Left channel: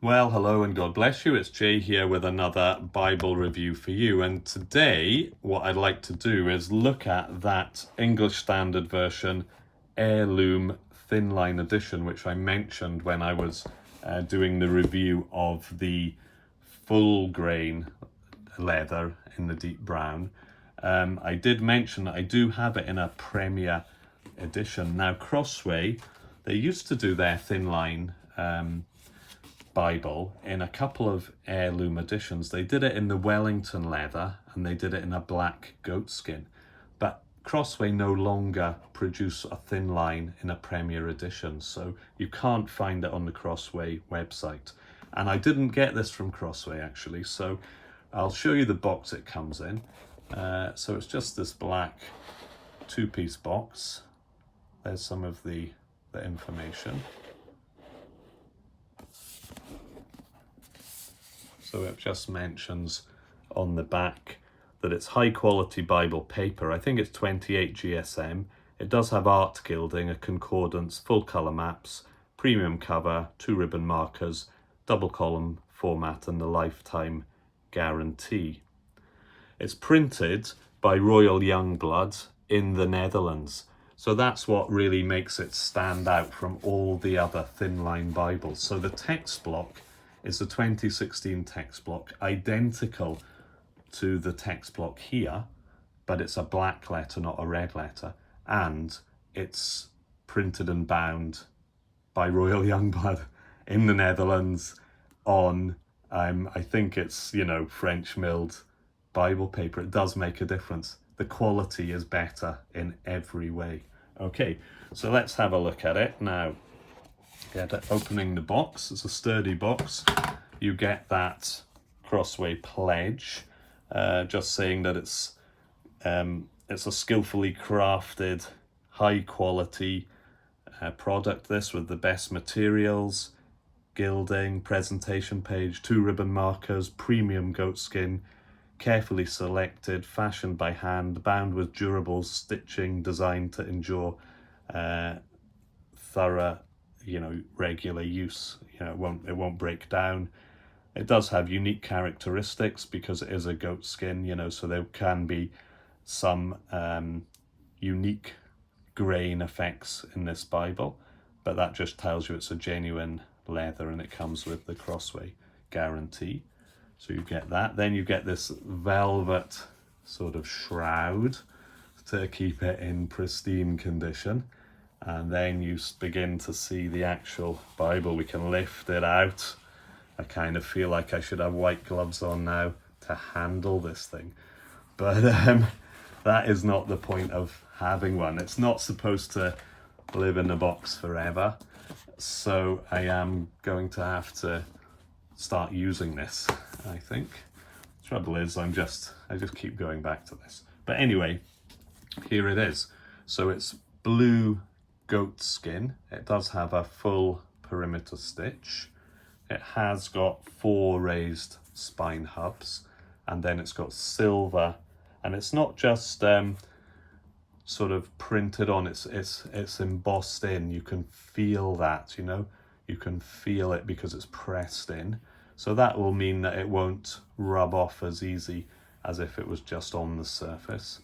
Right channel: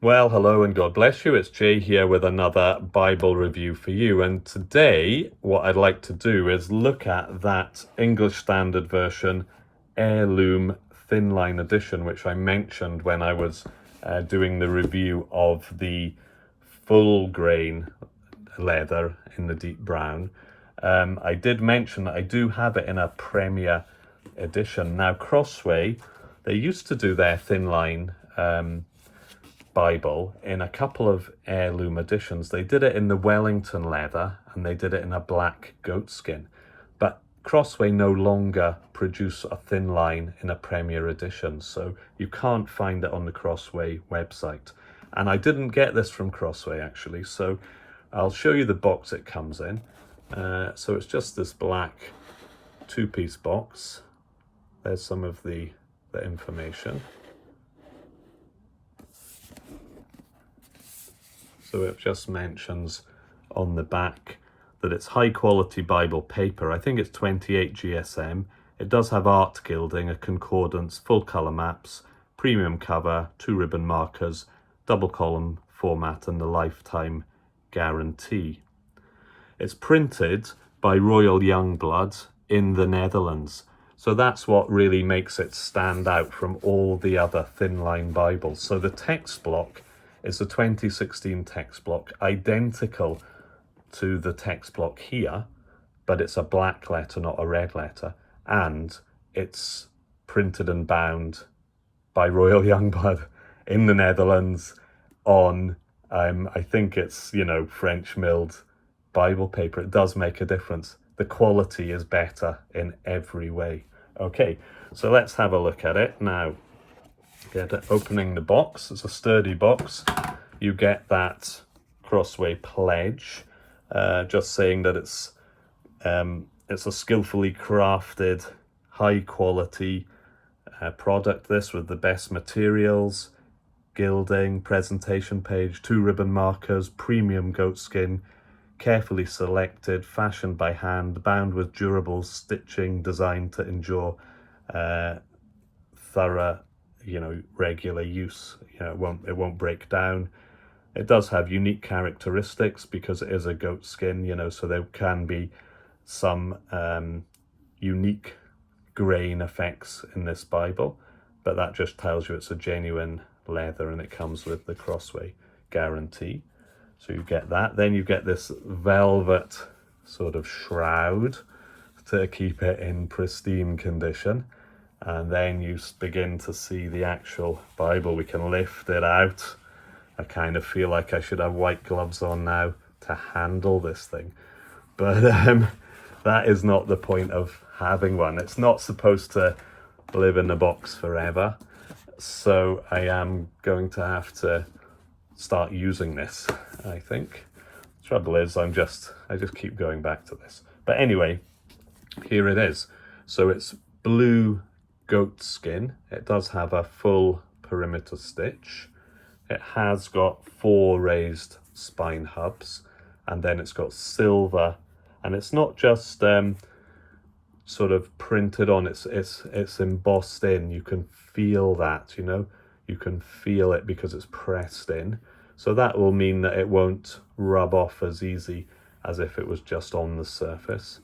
Well, hello and God bless you. It's Jay here with another Bible review for you. And today, what I'd like to do is look at that English Standard Version Heirloom Thinline Edition, which I mentioned when I was doing the review of the full grain leather in the deep brown. I did mention that I do have it in a Premier edition. Now, Crossway, they used to do their Thinline Bible in a couple of heirloom editions. They did it in the Wellington leather and they did it in a black goatskin. But Crossway no longer produce a thin line in a Premier edition, so you can't find it on the Crossway website. And I didn't get this from Crossway actually, so I'll show you the box it comes in. So it's just this black two-piece box. There's some of the information. So it just mentions on the back that it's high quality Bible paper. I think it's 28 GSM. It does have art gilding, a concordance, full colour maps, premium cover, 2 ribbon markers, double column format and the lifetime guarantee. It's printed by Royal Youngblood in the Netherlands. So that's what really makes it stand out from all the other Thinline Bibles. So the text block is the 2016 text block, identical to the text block here, but it's a black letter, not a red letter, and it's printed and bound by Royal Youngblood in the Netherlands on, I think it's, French milled Bible paper. It does make a difference. The quality is better in every way. Okay, so let's have a look at it now. Get it opening the box. It's a sturdy box. You get that Crossway pledge, just saying that it's a skillfully crafted, high quality product. This with the best materials, gilding, presentation page, 2 ribbon markers, premium goatskin, carefully selected, fashioned by hand, bound with durable stitching, designed to endure thorough, regular use. It won't break down. It does have unique characteristics because it is a goat skin, so there can be some unique grain effects in this Bible, but that just tells you it's a genuine leather and it comes with the Crossway guarantee. So you get that. Then you get this velvet sort of shroud to keep it in pristine condition. And then you begin to see the actual Bible. We can lift it out. I kind of feel like I should have white gloves on now to handle this thing. But that is not the point of having one. It's not supposed to live in the box forever. So I am going to have to start using this, I think. Trouble is, I just keep going back to this. But anyway, here it is. So it's blue goat skin. It does have a full perimeter stitch. It has got 4 raised spine hubs, and then it's got silver, and it's not just sort of printed on, it's embossed in. You can feel that, you can feel it because it's pressed in. So that will mean that it won't rub off as easy as if it was just on the surface.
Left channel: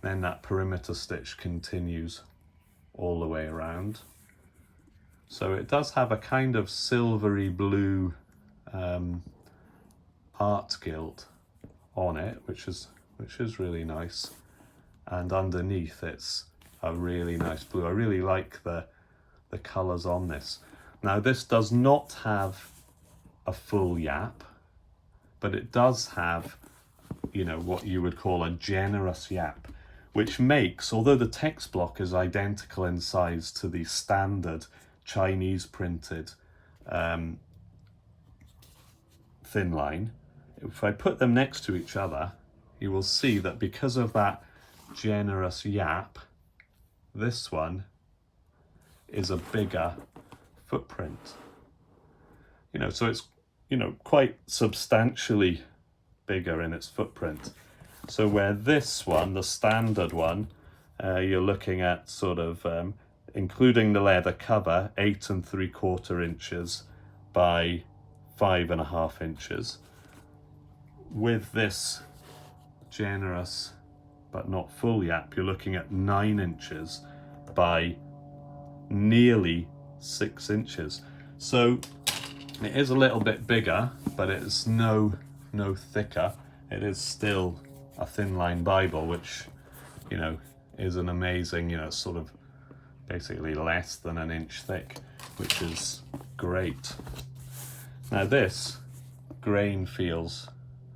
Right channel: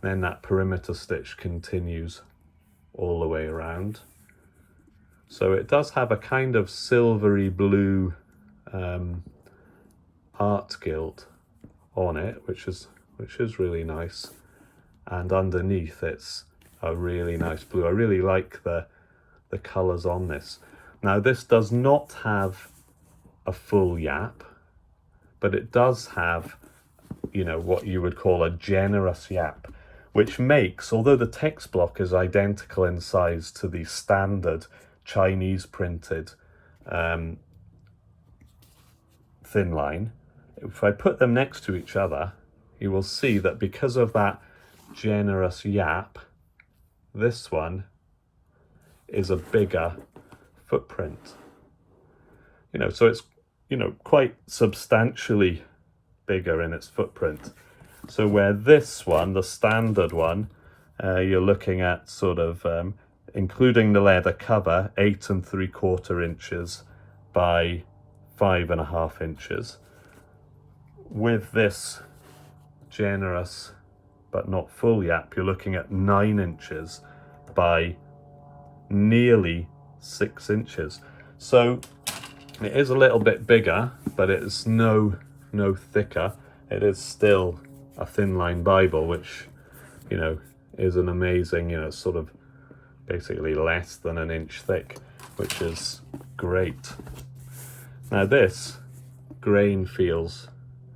Then that perimeter stitch continues all the way around. So it does have a kind of silvery blue art gild on it, which is really nice. And underneath it's a really nice blue. I really like the colours on this. Now this does not have a full yap, but it does have, what you would call a generous yap, which makes, although the text block is identical in size to the standard Chinese printed thin line, if I put them next to each other, you will see that because of that generous yap, this one is a bigger footprint. So it's, quite substantially bigger in its footprint. So where this one, the standard one, you're looking at sort of, including the leather cover, 8 3/4 inches by 5.5 inches. With this generous but not full yap, you're looking at 9 inches by nearly 6 inches. So it is a little bit bigger, but it's no thicker. It is still a Thinline Bible, which, you know, is an amazing, you know, sort of basically less than an inch thick, which is great. Now this grain feels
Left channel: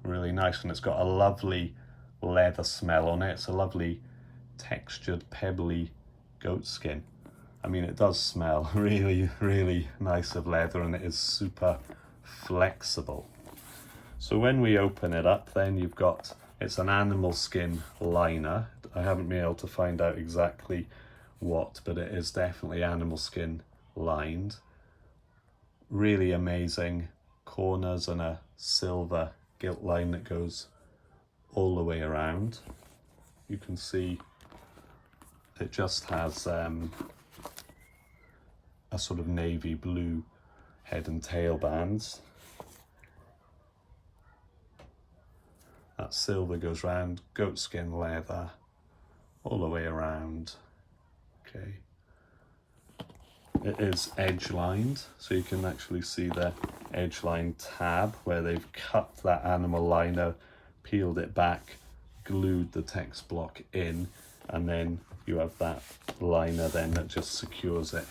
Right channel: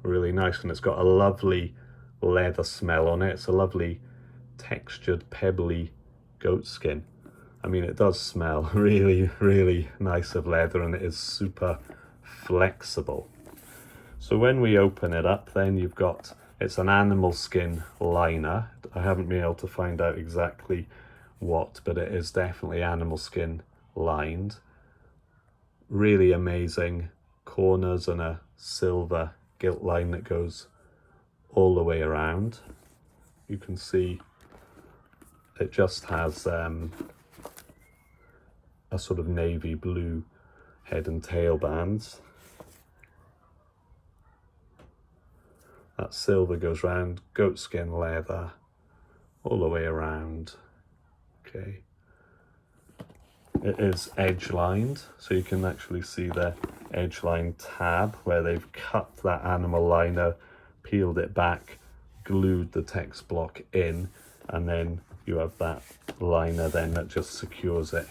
really nice, and it's got a lovely leather smell on it. It's a lovely textured pebbly goat skin. I mean, it does smell really nice of leather, and it is super flexible. So when we open it up, then you've got, it's an animal skin liner. I haven't been able to find out exactly what, but it is definitely animal skin lined. Really amazing corners and a silver gilt line that goes all the way around. You can see it just has a sort of navy blue head and tail bands. That silver goes round, goatskin leather all the way around. Okay. It is edge lined, so you can actually see the edge line tab where they've cut that animal liner, peeled it back, glued the text block in, and then you have that liner then that just secures it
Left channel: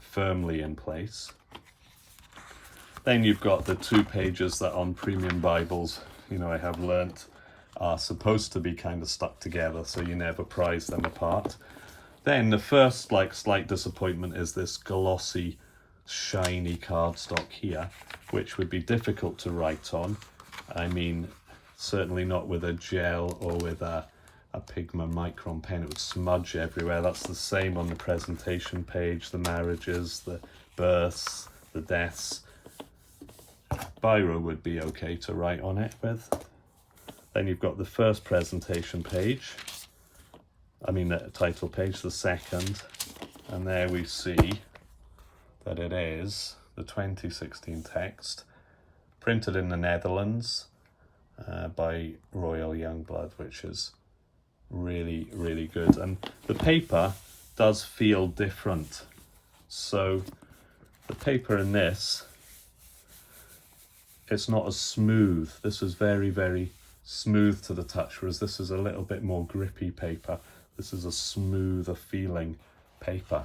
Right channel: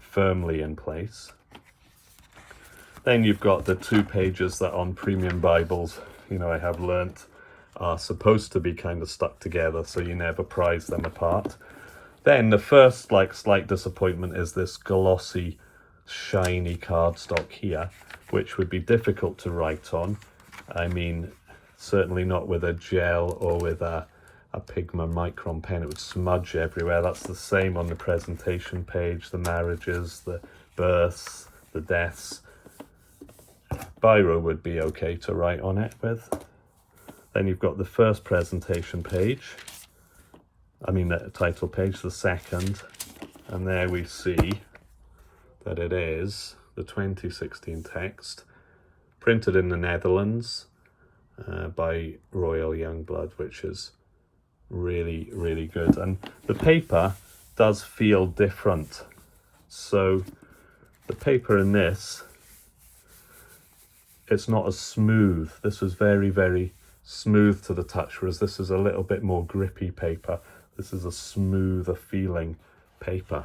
firmly in place. Then you've got the 2 pages that on premium Bibles, you know, I have learnt are supposed to be kind of stuck together, so you never prise them apart. Then the first slight disappointment is this glossy, shiny cardstock here, which would be difficult to write on. I mean, certainly not with a gel or with a Pigma micron pen. It would smudge everywhere. That's the same on the presentation page, the marriages, the births, the deaths. Biro would be okay to write on it with. Then you've got the first presentation page, I mean the title page, the second, and there we see that it is the 2016 text, printed in the Netherlands by Royal Youngblood, which is really good. And the paper does feel different. So the paper in this, it's not as smooth. This is very smooth to the touch, whereas this is a little bit more grippy paper. This is a smoother feeling paper.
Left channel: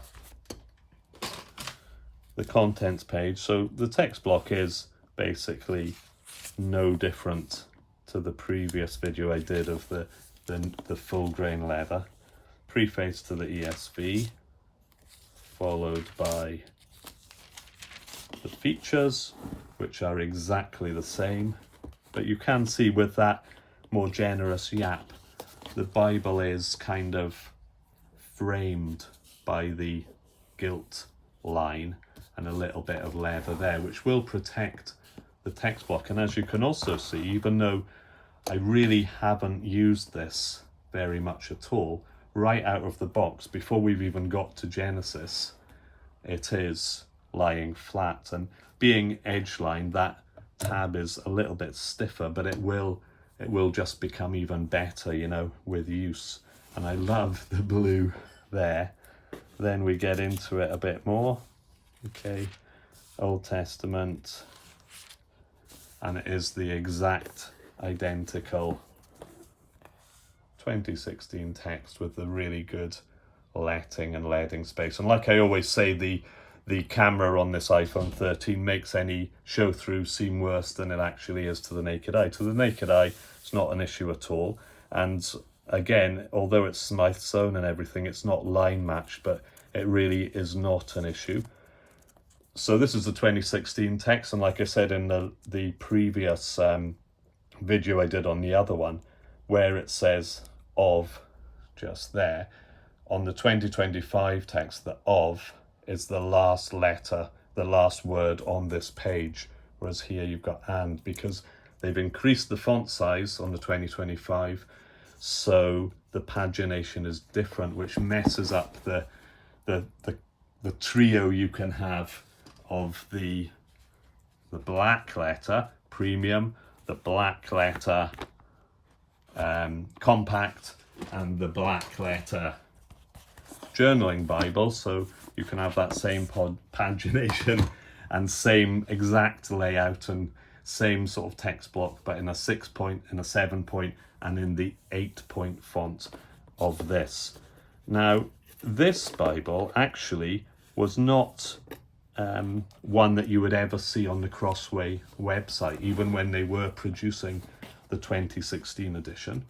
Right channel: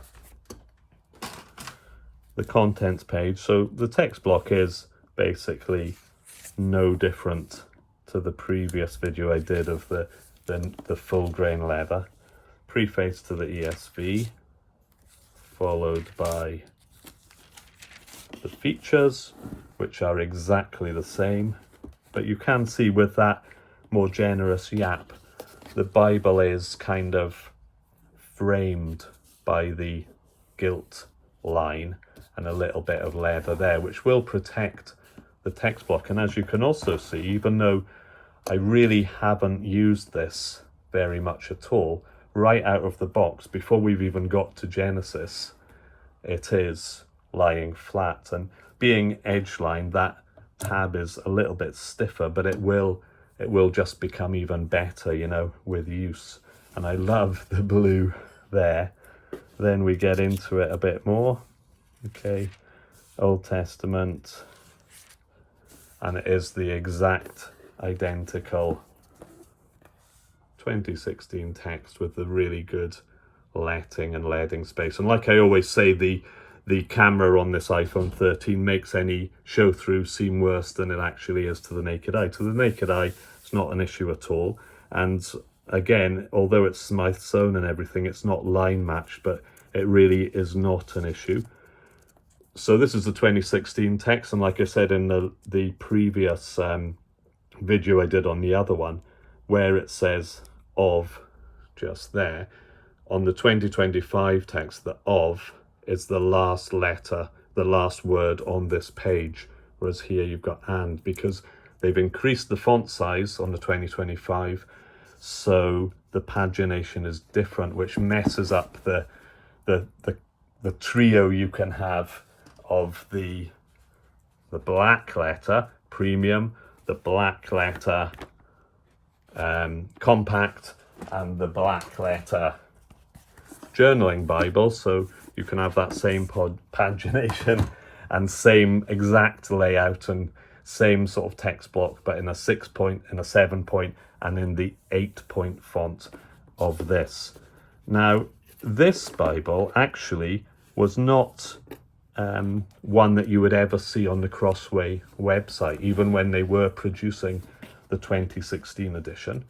The contents page, so the text block is basically no different to the previous video I did of the full grain leather. Preface to the ESV, followed by the features, which are exactly the same, but you can see with that more generous yap, the Bible is kind of framed by the gilt line and a little bit of leather there, which will protect the text block. And as you can also see, even though I really haven't used this very much at all, right out of the box, before we've even got to Genesis, it is lying flat. And being edge lined, that tab is a little bit stiffer, but it will just become even better, you know, with use. And I love the blue there. Then we get into it a bit more. Okay, Old Testament, and it is the exact identical 2016 text with the really good letting and leading space. And like I always say, the camera on this iPhone 13 makes any show through seem worse than it actually is to the naked eye. To the naked eye, it's not an issue at all. And again, although it's Smythe sewn and everything, it's not line matched, but it really is not an issue. So this is the 2016 text, and like I said in the previous video I did on the other one, where it says of just there, on the 2025 text, the of is the last letter, the last word on this page, whereas here you've got and, because they've increased the font size on the 2025, so the pagination is different, which messes up the trio you can have of the the black letter premium, the black letter compact, and the black letter journaling Bible. So you can have that same pagination and same exact layout and same sort of text block, but in a 6-point, in a 7-point, and in the 8-point font of this. Now, this Bible actually was not one that you would ever see on the Crossway website, even when they were producing the 2016 edition.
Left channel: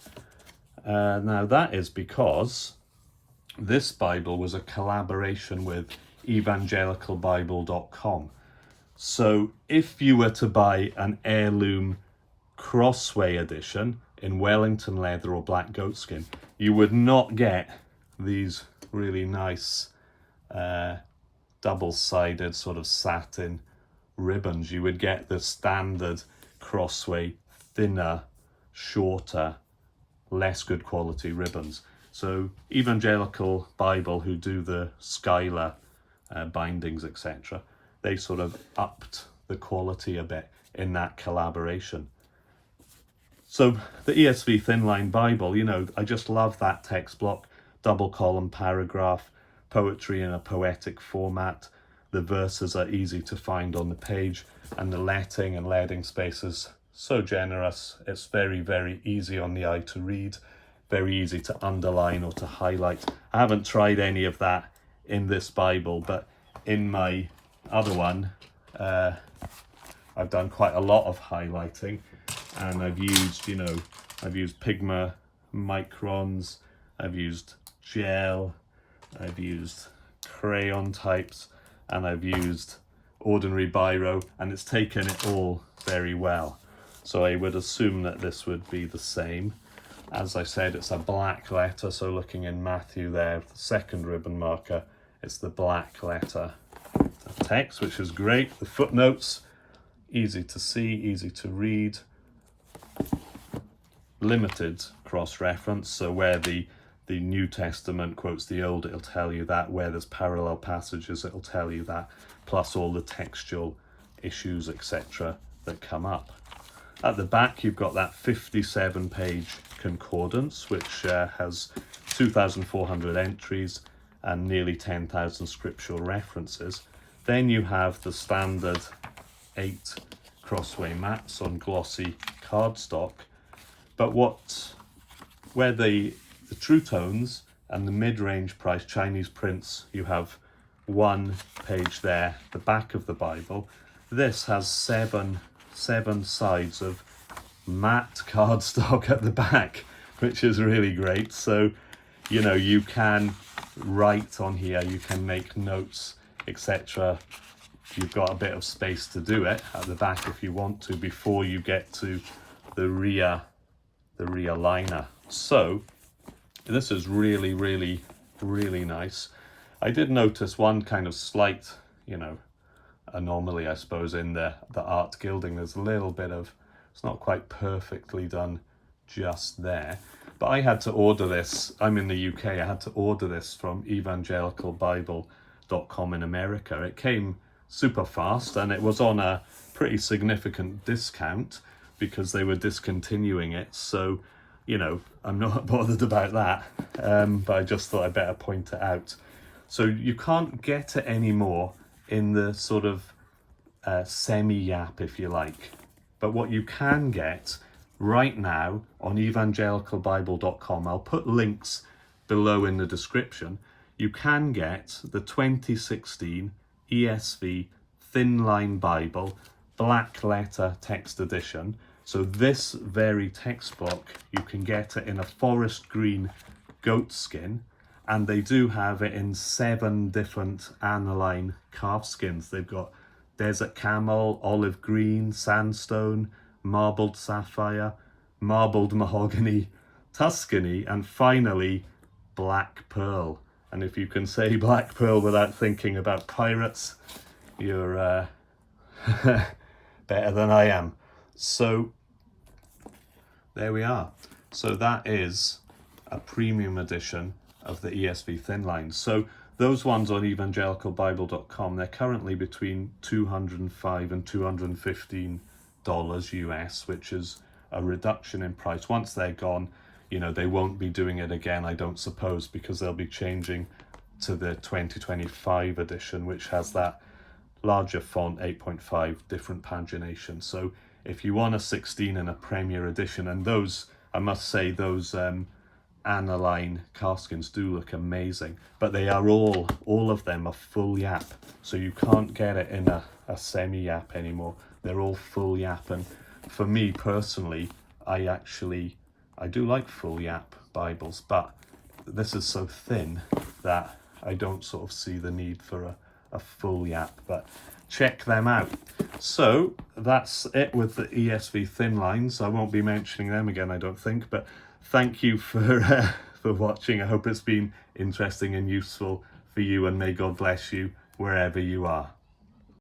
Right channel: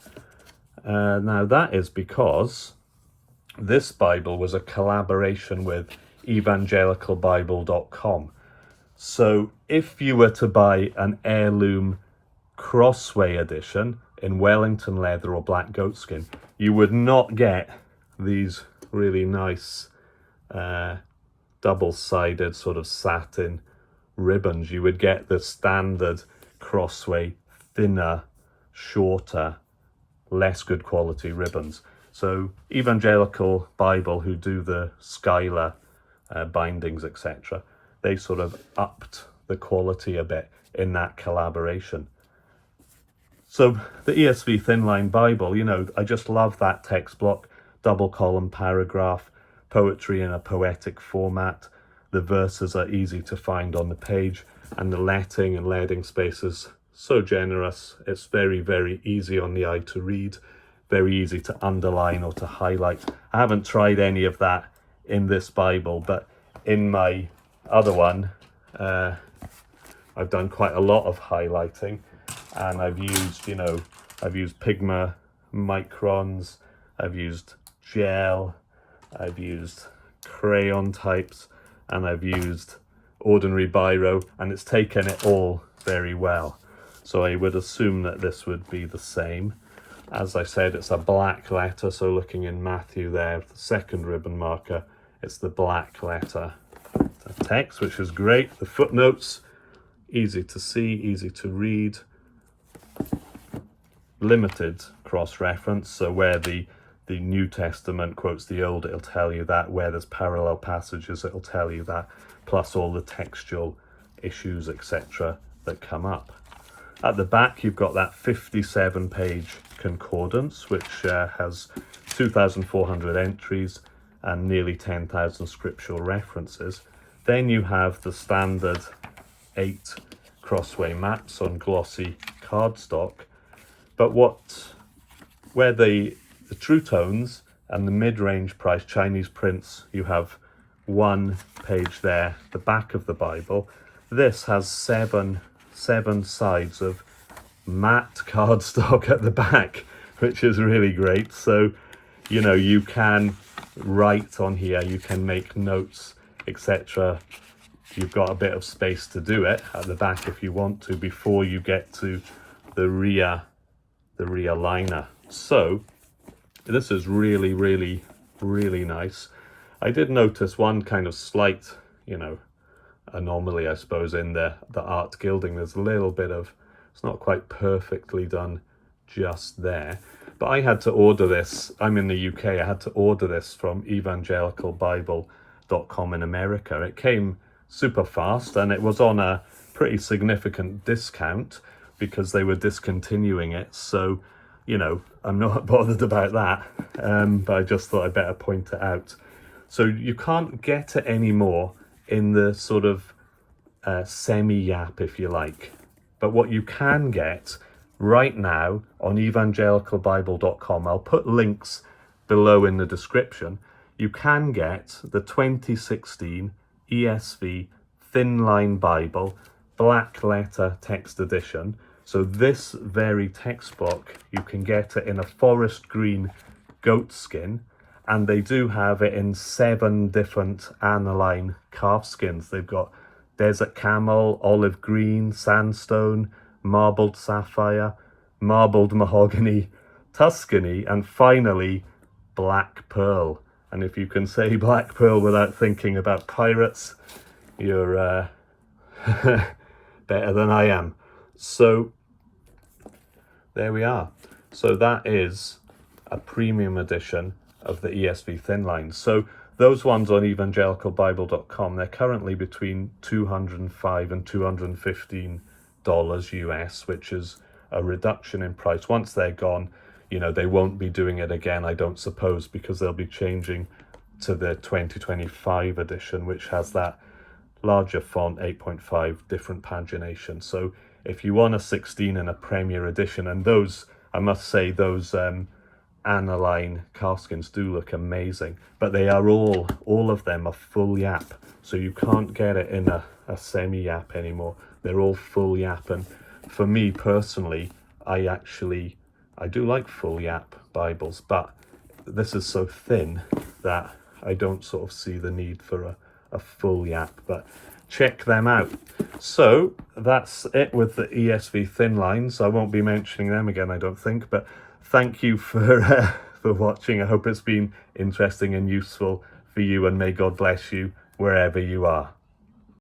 Now, that is because this Bible was a collaboration with evangelicalbible.com. So if you were to buy an heirloom Crossway edition in Wellington leather or black goatskin, you would not get these really nice double-sided sort of satin ribbons. You would get the standard Crossway thinner, shorter, less good quality ribbons. So Evangelical Bible, who do the Schuyler bindings, etc., they sort of upped the quality a bit in that collaboration. So the ESV Thinline Bible, you know, I just love that text block, double column paragraph, poetry in a poetic format. The verses are easy to find on the page, and the letting and leading space is so generous. It's very, very easy on the eye to read, very easy to underline or to highlight. I haven't tried any of that in this Bible, but in my other one, I've done quite a lot of highlighting, and I've used, you know, I've used Pigma microns, I've used gel, I've used crayon types, and I've used ordinary biro, and it's taken it all very well. So I would assume that this would be the same. As I said, it's a black letter, so looking in Matthew there, the second ribbon marker, it's the black letter of text, which is great. The footnotes, easy to see, easy to read. Limited cross-reference, so where the New Testament quotes the Old, it'll tell you that. Where there's parallel passages, it'll tell you that, plus all the textual issues, etc., that come up. At the back, you've got that 57-page concordance, which has 2,400 entries and nearly 10,000 scriptural references. Then you have the standard 8 Crossway maps on glossy cardstock. But where the true tones and the mid-range price Chinese prints, you have one page there, the back of the Bible. This has seven sides of matte cardstock at the back, which is really great. So, you know, you can write on here, you can make notes, etc. You've got a bit of space to do it at the back if you want to, before you get to the rear liner. So this is really, really, really nice. I did notice one kind of slight, you know, anomaly, I suppose, in the art gilding. There's a little bit of, it's not quite perfectly done just there. But I had to order this, I'm in the UK, I had to order this from evangelicalbible.com in America. It came super fast, and it was on a pretty significant discount because they were discontinuing it. So, you know, I'm not bothered about that, but I just thought I'd better point it out. So you can't get it anymore in the sort of semi-yap, if you like. But what you can get right now on evangelicalbible.com, I'll put links below in the description, you can get the 2016 ESV Thinline Bible black letter text edition. So this very text block, you can get it in a forest green goatskin, and they do have it in 7 different aniline calf skins. They've got desert camel, olive green, sandstone, marbled sapphire, marbled mahogany, Tuscany, and finally black pearl. And if you can say black pearl without thinking about pirates, you're better than I am. So there we are. So that is a premium edition of the ESV Thinline. So Those ones on evangelicalbible.com, they're currently between $205 and $215 US, which is a reduction in price. Once they're gone, you know, they won't be doing it again, I don't suppose, because they'll be changing to the 2025 edition, which has that larger font, 8.5, different pagination. So if you want a 16 and a Premier edition, and those, I must say, those aniline calfskins do look amazing, but they are all of them are full yap, so you can't get it in a semi yap anymore. They're all full yap, and for me personally, I do like full yap Bibles, but this is so thin that I don't sort of see the need for a full yap. But check them out. So that's it with the ESV Thinlines. I won't be mentioning them again, I don't think, but thank you for watching. I hope it's been interesting and useful for you, and may God bless you wherever you are.